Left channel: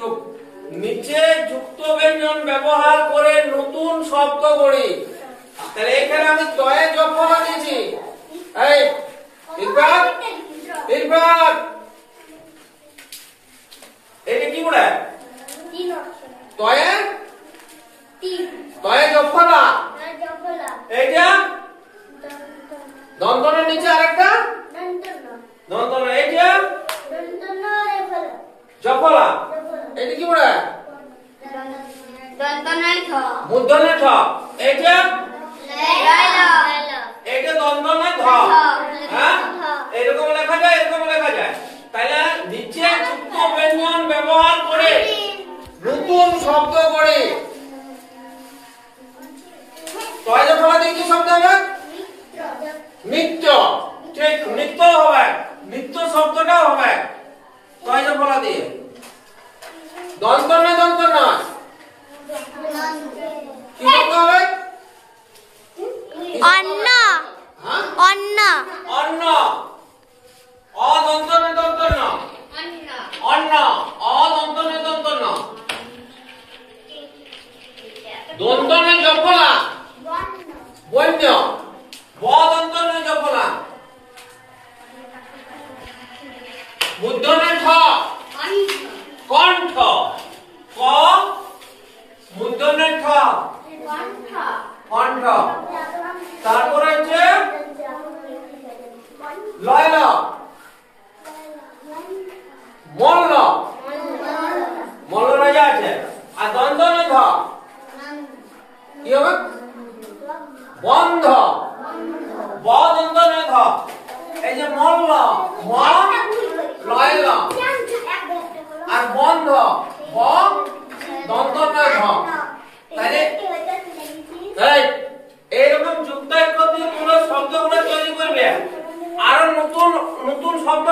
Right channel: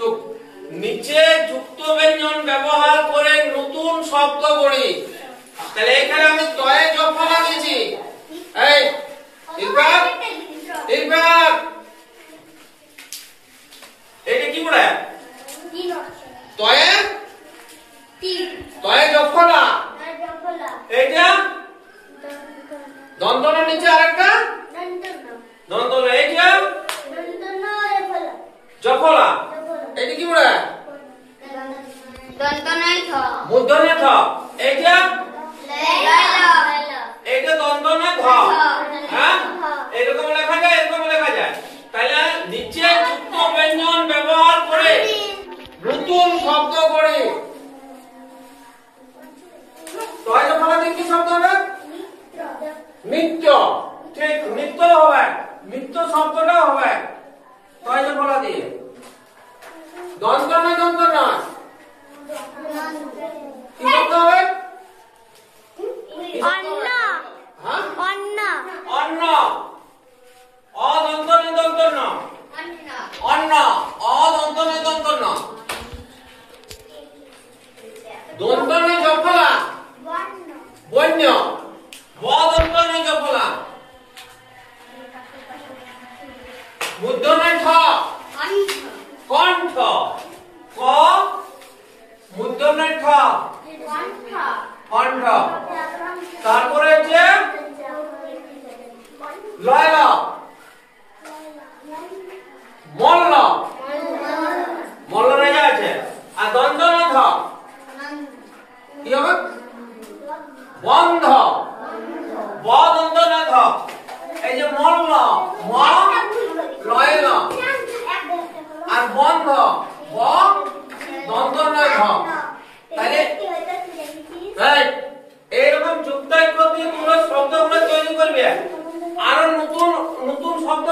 চুপ। নিচে যুক্ত ব্যঞ্জন ব্যবহার করে নতুন শব্দ গড়ি। তাহলে এখানে আমি তয়ে জফলা দিয়েছি। এই ইরফান, ইরফান এটা কি বলে? তয়ে তয়ে জফলা। এইটা দন্তনের নিচে আরেকটা দন্তন। এইটা জফলা। এটা কি বলে? মূর্ধন্য ঠ। এইটা এইটা দন্তন্য ধ। হ্যাঁ, এরকম লেখা যায়, এরকম লেখা যায়। তাহলে নিচে যুক্ত ব্যঞ্জন ব্যবহার করে নতুন শব্দ করে তয় জফলা দিয়ে কি শব্দ হবে? নিত্য। ঠিক, নিত্য হবে, নিত্য শব্দটাও হবে তয় জফলা দিয়ে। দন্তন্য দন্তন্য কি শব্দ হবে? অন্ন। হ্যাঁ, অন্ন। অন্ন। অদন্তন্য দন্তন্য অন্ন। অদন্তন্য দন্তন্য। দন্তন্য জফলা বন্য। বদন্তন্য জফলা। মূর্ধন্য ঠ কণ্ঠ। ক মূর্ধন্য ঠ কণ্ঠ। তারপরে হচ্ছে লয়ল মল্ল। মল্ল রাজা আছে। আর দন্তন্য ধ কি হবে? বন্ধ। বদন্তন্য ধ। এই যে মল্ল ম লয়ল আর বন্ধ ব দন্তন্য ধ। তাহলে এইরকম যুক্ত দিয়ে তোমরা শব্দগুলো তৈরি করবে। আরো নতুন নতুন শব্দ